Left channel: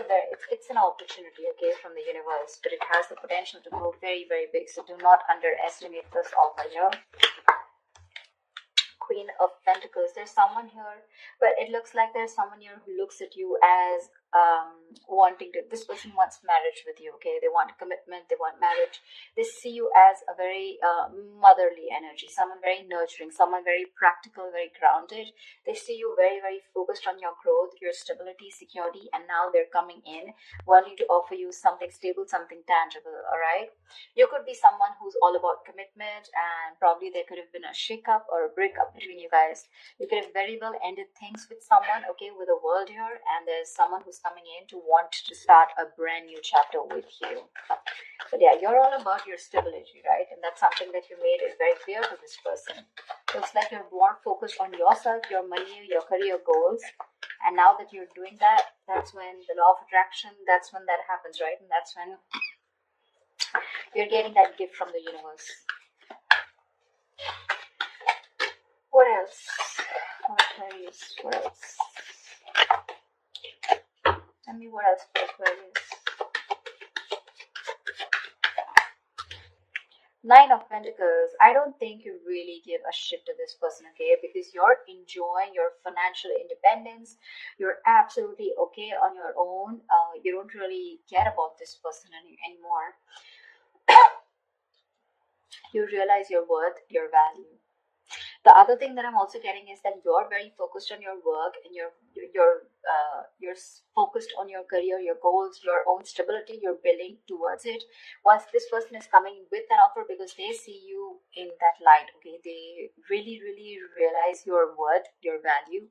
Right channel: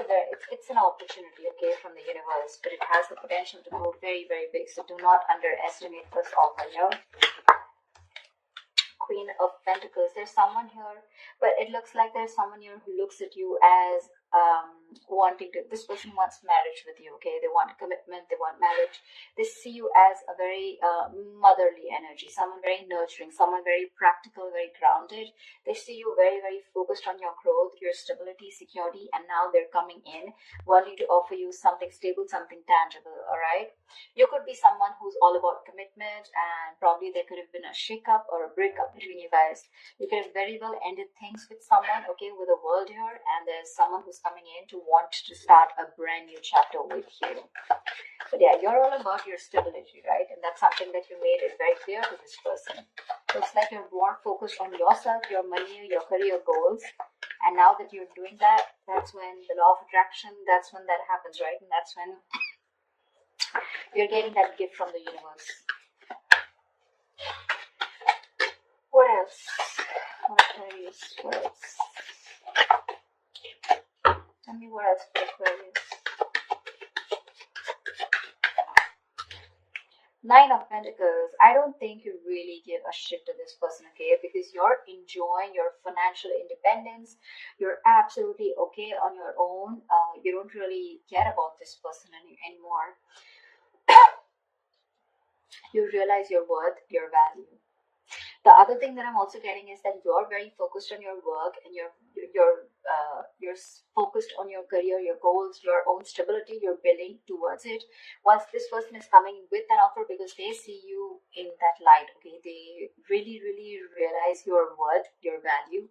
be it's an opportunity, okay, from the universe, but it has the potential to grow very, very big. So do not underestimate this offer here. Queen of Pentacles. There's someone here, but it looks like there's someone here who looks at you as wanting to, this person wants marriage with you, okay? They want commitment, they want marriage. They see you as a very motherly energy, someone very nurturing, someone very practical, very grounded. They see you very, very focused on your growth, your stability, security, and now they're coming in wanting to offer you something stable, something tangible, all right? You could be someone who's all about commitment, and probably there could have been a shake-up or a breakup between you guys. You could have very well ended things with someone, okay, with a world here, and there's someone who's coming in to want to start a brand new chapter with you. But yeah, you're all about your stability, right? And that's something that you made it very clear to this person. Looks like you're more focused on yourself, your money, your career goals. And now that you're doing that, that's when the law of attraction, that's when that happens, right? And that's when you're getting that gift from the universe. What else? Aquarius, what else? Tell me what else for Aquarius. Nine of Pentacles. I don't think you really give a shit to this person, okay? Because you're enjoying your financial independence. You're absolutely okay on your own. You don't really care about this person anymore. You realize your worth, your value. The other thing that I'm also getting is that you're very focused on your work, and you're focused on your career, your goals, your own stability. You're building towards it. Once this person is coming with an offer, because they see you in that light, okay, they really, really realize your worth, your value,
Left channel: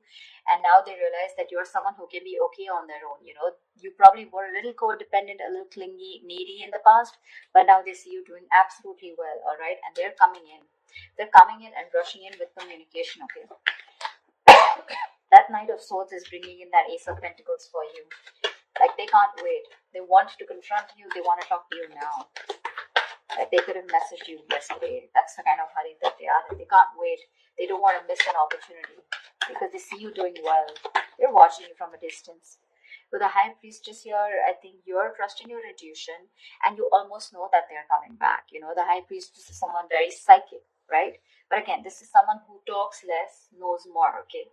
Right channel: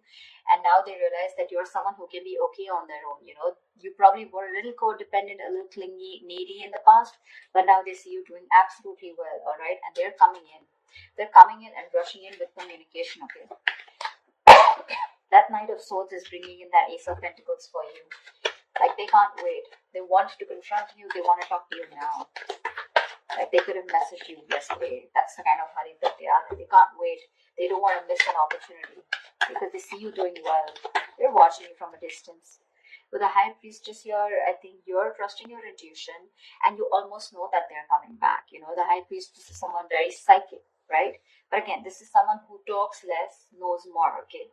and now they realize that you're someone who can be okay on their own. You know, you probably were a little codependent, a little clingy, needy in the past, but now they see you doing absolutely well, all right, and they're coming in. They're coming in and rushing in with communication, okay? That Knight of Swords is bringing in that Ace of Pentacles for you. Like, they can't wait. They want to confront you. They want to talk to you now. Like, they could have messaged you yesterday. That's the kind of hurry that they are. They can't wait. They don't want to miss an opportunity because they see you doing well. They're watching you from a distance. With the High Priestess here, I think you're trusting your intuition, and you almost know that they're coming back. You know, the High Priestess is someone very psychic, right? But again, this is someone who talks less, knows more, okay?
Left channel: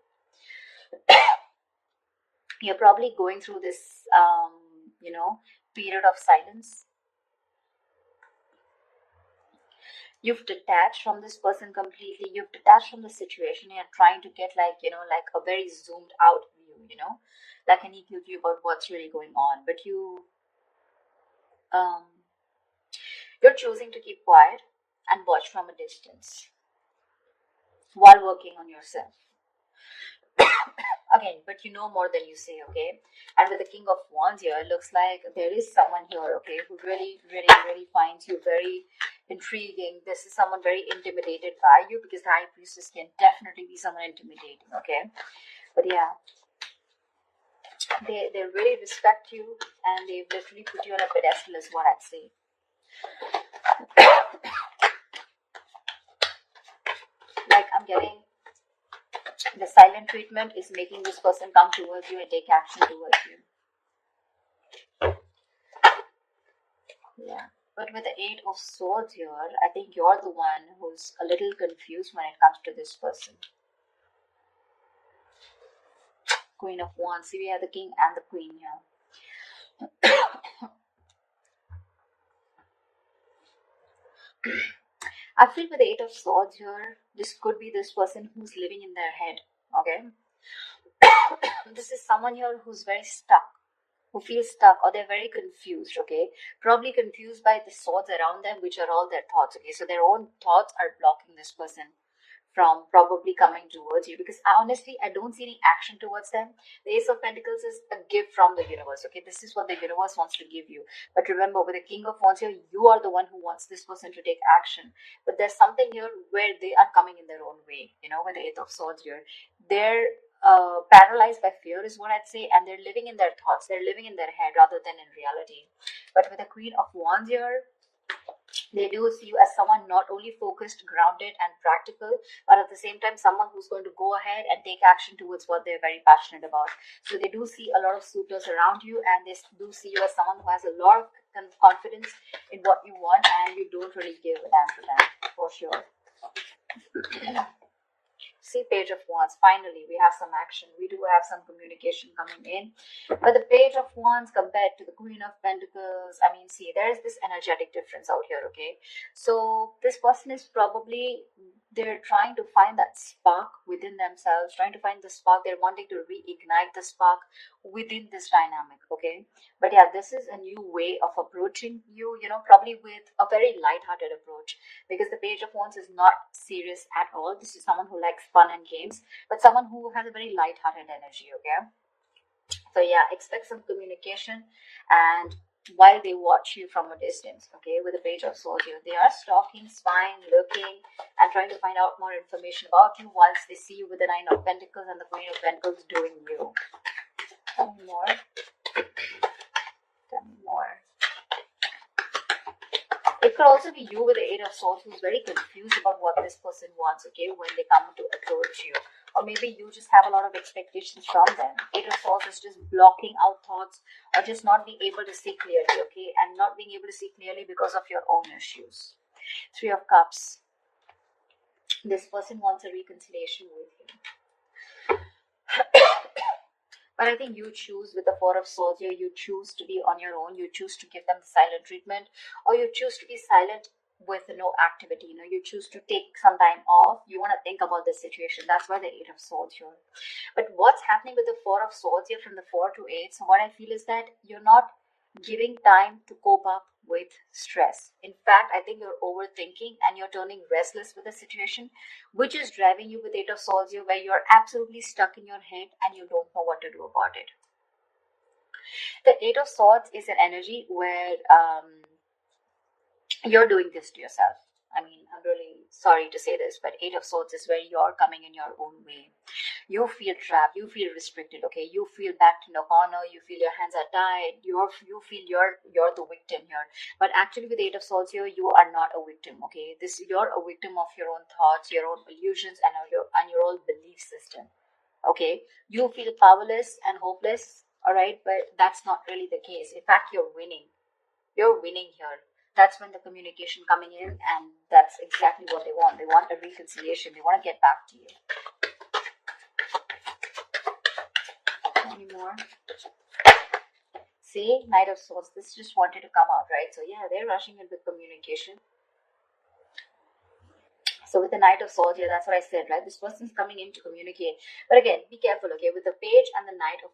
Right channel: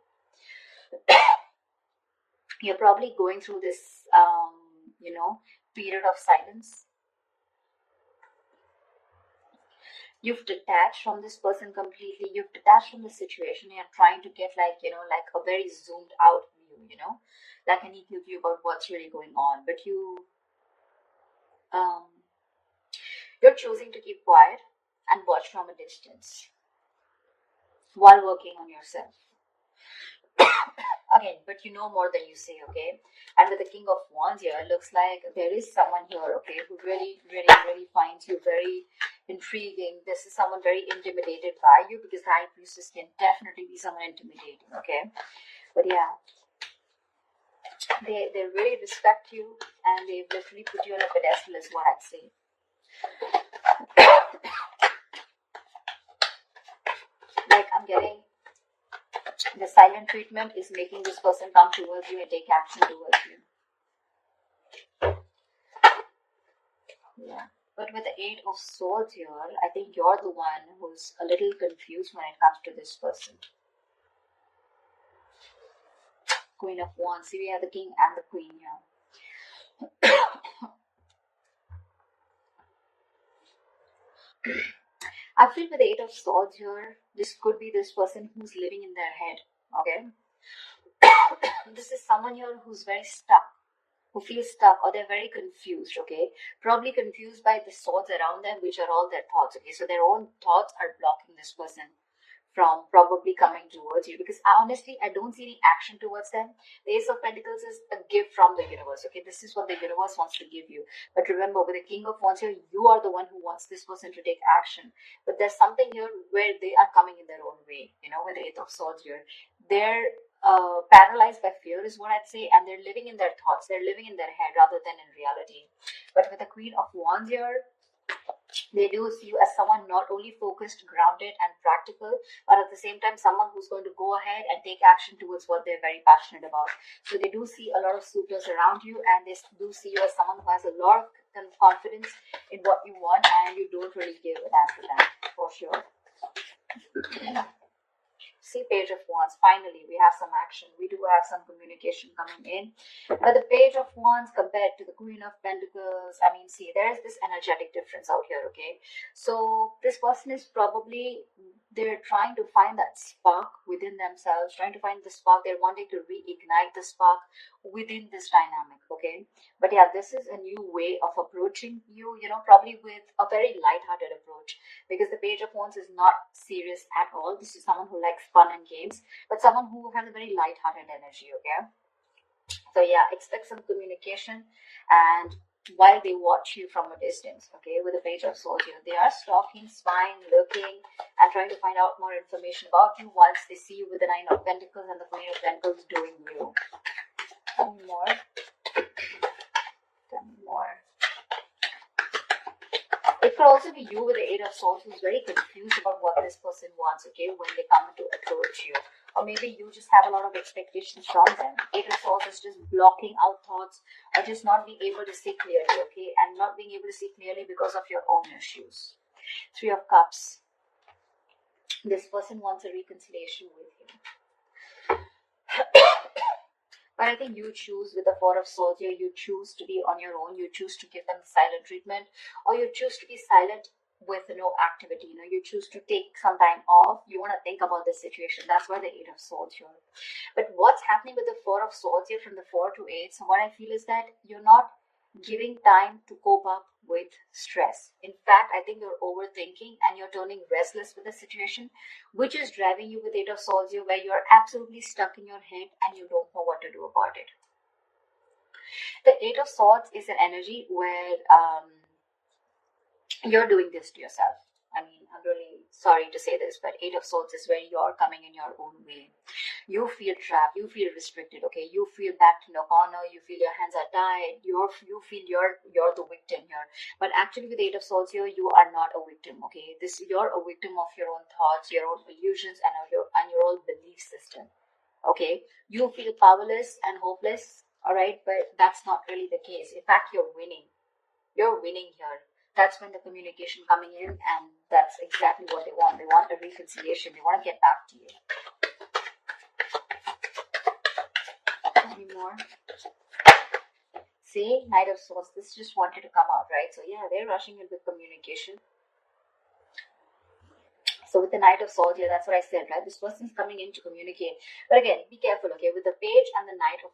You're probably going through this, period of silence. You've detached from this person completely. You've detached from the situation. You're trying to get like a very zoomed out view, like an equal view about what's really going on. But you're choosing to keep quiet and watch from a distance while working on yourself. Again, but you know more than you say, okay? And with the King of Wands here, it looks like there is someone here, okay, who really, really, really finds you very intriguing. This is someone very intimidated by you, because the High Priestess can definitely be someone intimidating, okay? But yeah, they really respect you, and they've literally put you on a pedestal, is what I'd say. Like, I'm getting the silent treatment is making this person come towards you and take action towards you. Yeah. But with the Eight of Swords here, I think you're the one who's a little confused when it comes to this person. Queen of Wands. We have the King and the Queen here. I feel with the Eight of Swords here, this could be this person who's living in their head, okay? This is someone here who's very stuck, who feels stuck, or they're very confused, okay? Probably confused by the swords around them, which are all their thoughts, okay? So their own thoughts are blocking this person from probably coming towards you, because I don't see any action towards them. The Ace of Pentacles is a gift from the universe, okay? This is what the universe wants to give you. But remember, with the King of Wands here, you are the one who wants this person to take action. But there's something here where they are coming in their own way, with the Eight of Swords here. They're paralyzed by fear, is what I'd say, and they're living in their thoughts. They're living in their head rather than in reality. But with the Queen of Wands here, They do see you as someone not only focused, grounded, and practical, but at the same time, someone who's going to go ahead and take action towards what they're very passionate about. So they do see a lot of suitors around you, and they do see you as someone who has a lot of confidence in what you want, and you don't really give a damn to them, for sure. See, Page of Wands. Finally, we have some action. We do have some communication coming in. But the Page of Wands compared to the Queen of Pentacles, I mean, see, there is this energetic difference out here, okay? So this person is probably, they're trying to find that spark within themselves, trying to find the spark. They're wanting to reignite the spark within this dynamic, okay? But yeah, this is a new way of approaching you, probably with a very light-hearted approach, because the Page of Wands is not serious at all. This is someone who likes fun and games, but someone who has a very light-hearted energy, okay? So yeah, expect some communication, and while they watch you from a distance, okay, with the Page of Swords here, they are stalking, spying, looking, and trying to find out more information about you, whilst they see you with the Nine of Pentacles and the Queen of Pentacles doing you. Tell me more. Tell me more. It could also be you with the Eight of Swords who's very confused about what this person wants, okay, when they come to approach you. Or maybe you just have a lot of expectations from them. Eight of Swords is just blocking out thoughts, or just not being able to see clearly, okay, and not being able to see clearly because of your own issues. Three of Cups. This person wants a reconciliation with you. But I think you choose with the Four of Swords here, you choose to be on your own, you choose to give them the silent treatment, or you choose to be silent with no activity, you choose to take some time off, you want to think about the situation. That's why the Eight of Swords here. But what's happening with the Four of Swords here from the 4 to 8, so what I feel is that you're not giving time to cope up with stress. In fact, I think you're overthinking and you're turning restless with the situation, which is driving you with Eight of Swords here, where you're absolutely stuck in your head and you don't know what to do about it. The Eight of Swords is an energy where you're doing this to yourself. I mean, I'm really sorry to say this, but Eight of Swords is where you're coming in your own way. You feel trapped, you feel restricted, okay? You feel backed in a corner, you feel your hands are tied, you feel you're the victim here. But actually with Eight of Swords here, you are not a victim, okay? You're a victim of your own thoughts, your own illusions, and your own belief system. Okay, you feel powerless and hopeless, all right, but that's not really the case. In fact, you're winning. You're winning here. That's when the communication coming in, and that's exactly what they want. They want a reconciliation. They want to get back to you. Any more? See, Knight of Swords. This just wanted to come out, right? So yeah, they're rushing in with communication. So with the Knight of Swords here, that's what I said, right? This person's coming in to communicate. But again, be careful, okay? With the Page and the Knight of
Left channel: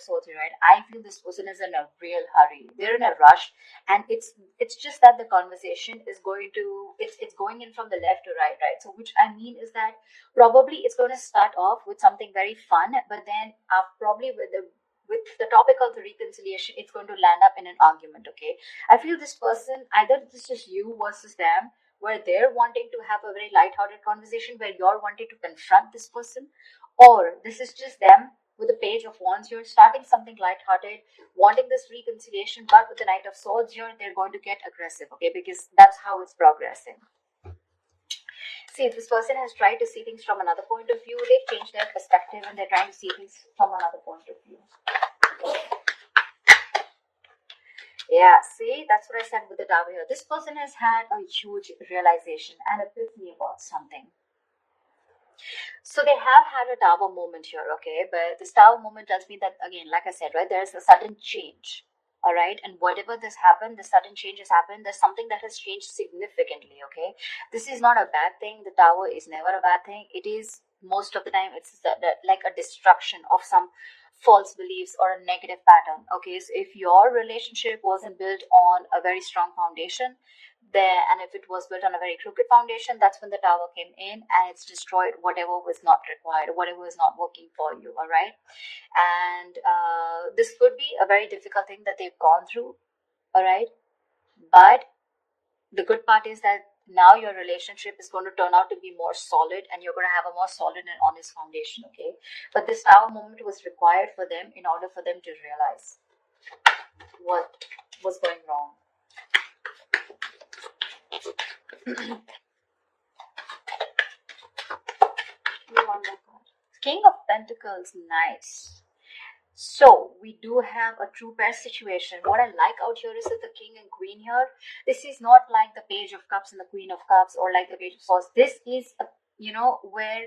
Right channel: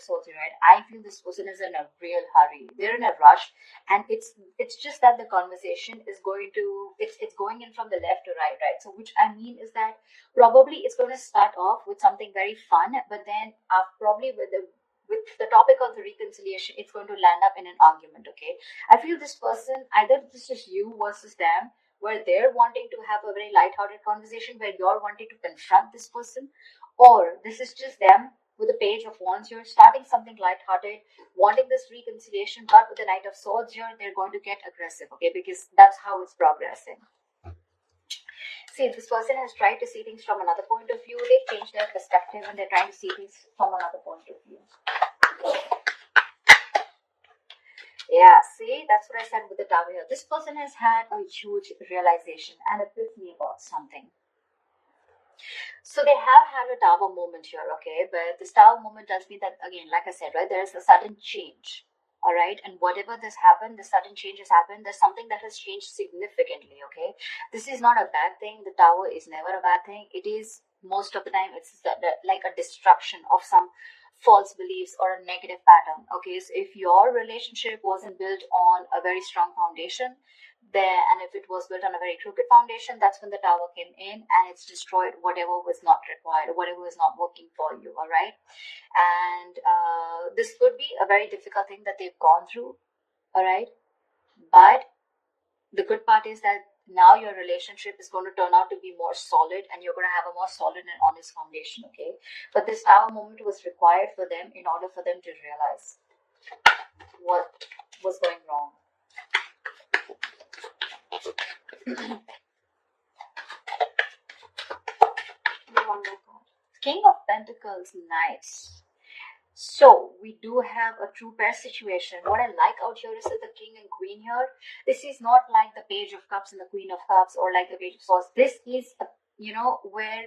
Swords here, right? I feel this person is in a real hurry. They're in a rush, and it's just that the conversation is going to it's going in from the left to right, right? So which I mean is that probably it's going to start off with something very fun, but then probably with the topic of the reconciliation, it's going to land up in an argument, okay? I feel this person, either this is you versus them, where they're wanting to have a very light-hearted conversation, where you're wanting to confront this person, or this is just them with the Page of Wands. You're starting something light-hearted, wanting this reconciliation, but with the Knight of Swords here, they're going to get aggressive, okay, because that's how it's progressing. See, this person has tried to see things from another point of view. They've changed their perspective, and they're trying to see things from another point of view. Yeah, see, that's what I said with the Tower here. This person has had a huge realization and epiphany about something. So they have had a Tower moment here, okay? But this Tower moment tells me that, again, like I said, right, there is a sudden change, all right? And whatever this happened, the sudden change has happened, there's something that has changed significantly, okay? This is not a bad thing. The Tower is never a bad thing. It is, most of the time, it's like a destruction of some false beliefs or a negative pattern, okay? So if your relationship wasn't built on a very strong foundation there, and if it was built on a very crooked foundation, that's when the Tower came in and it's destroyed whatever was not required, whatever is not working for you, all right? And this could be a very difficult thing that they've gone through, all right? But the good part is that now your relationship is going to turn out to be more solid, and you're going to have a more solid and honest foundation, okay? But this Tower moment was required for them in order for them to realize what was going wrong. King of Pentacles, nice. So we do have a true pair situation. What I like out here is that the King and Queen here. This is not like the Page of Cups and the Queen of Cups, or like the Page of Swords. This is, where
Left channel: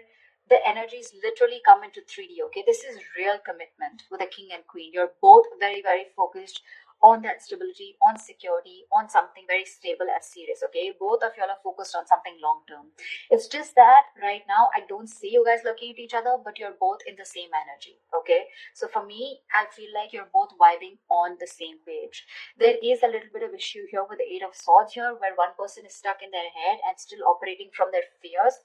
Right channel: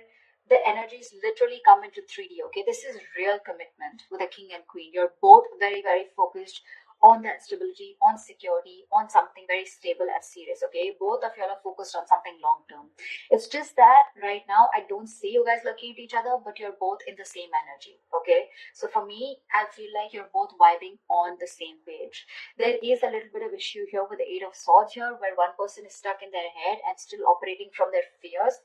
the energies literally come into 3D. Okay, this is real commitment with the King and Queen. You're both very, very focused on that stability, on security, on something very stable and serious. Okay, both of you are focused on something long term. It's just that right now I don't see you guys looking at each other, but you're both in the same energy. Okay, so for me, I feel like you're both vibing on the same page. There is a little bit of issue here with the Eight of Swords here, where one person is stuck in their head and still operating from their fears,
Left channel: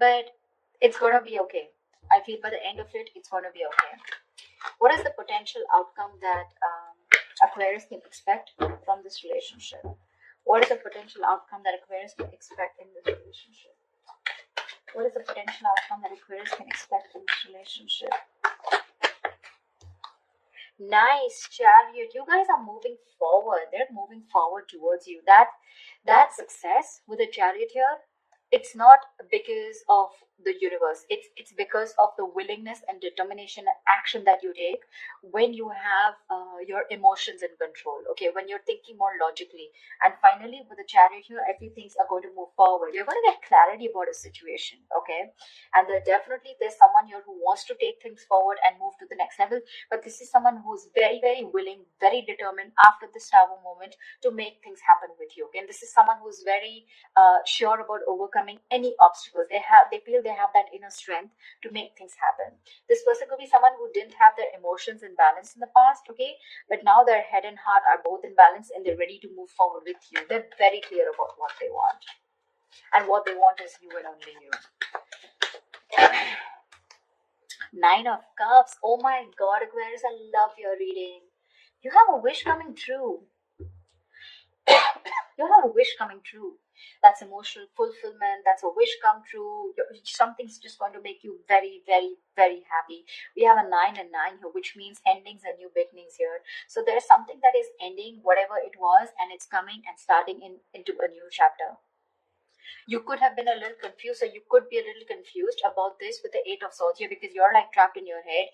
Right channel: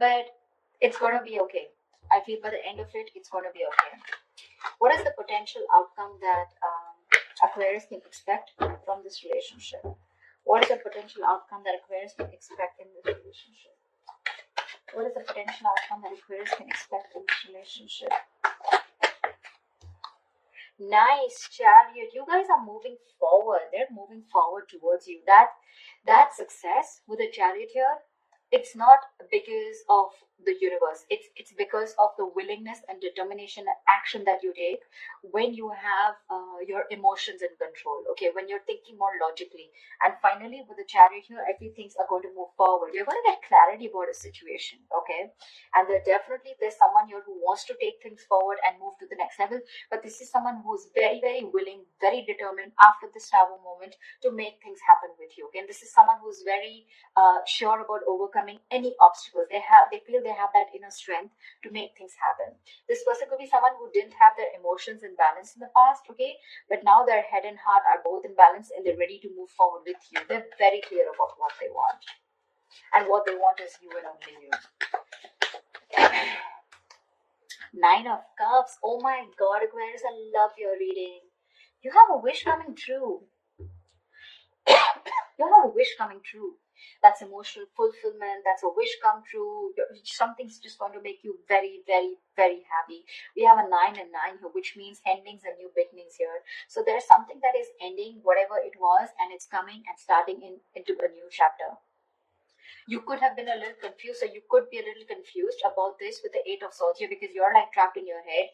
but it's gonna be okay. I feel by the end of it, it's gonna be okay. What is the potential outcome that Aquarius can expect from this relationship? What is the potential outcome that Aquarius can expect in this relationship? What is the potential outcome that Aquarius can expect in this relationship? Nice, Chariot. You guys are moving forward. They're moving forward towards you. That success with the Chariot here, it's not because of the universe. It's because of the willingness and determination and action that you take when you have your emotions in control. Okay, when you're thinking more logically. And finally, with the Chariot here, I feel things are going to move forward. You're going to get clarity about a situation. Okay, and there's someone here who wants to take things forward and move to the next level. But this is someone who's very, very willing, very determined after this Tower moment to make things happen with you. Okay, and this is someone who's very sure about overcoming any obstacles. They feel they have that inner strength to make things happen. This person could be someone who didn't have their emotions in balance in the past, okay, but now their head and heart are both in balance and they're ready to move forward with you. They're very clear about what they want, and what they want is you and only you. Nine of Cups. Oh my God, Aquarius, I love your reading. You have a wish coming true. You have a wish coming true. That's emotional fulfillment. That's a wish come true. Something's just going to make you very, very, very happy. We have a 9 and 9 here, which means endings and new beginnings here. So there's something that is ending, whatever it was, and it's coming and starting into a new chapter. You could have been a little confused, or you could be a little confused about this with the Eight of Swords here, because you're like trapped in your head.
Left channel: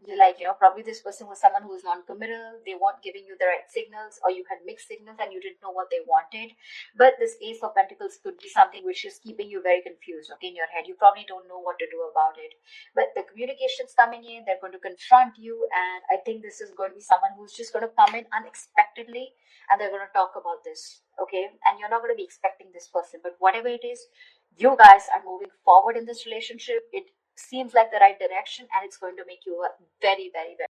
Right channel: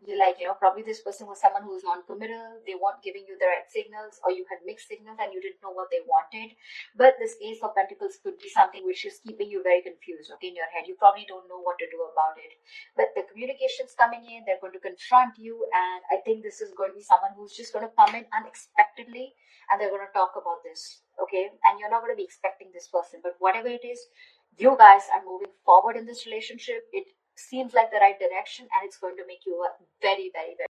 You're like, probably this person was someone who was non-committal. They weren't giving you the right signals, or you had mixed signals and you didn't know what they wanted. But this Ace of Pentacles could be something which is keeping you very confused, okay, in your head. You probably don't know what to do about it. But the communication's coming in, they're going to confront you, and I think this is going to be someone who's just going to come in unexpectedly, and they're going to talk about this, okay? And you're not going to be expecting this person, but whatever it is, you guys are moving forward in this relationship. It seems like the right direction, and it's going to make you a very, very, very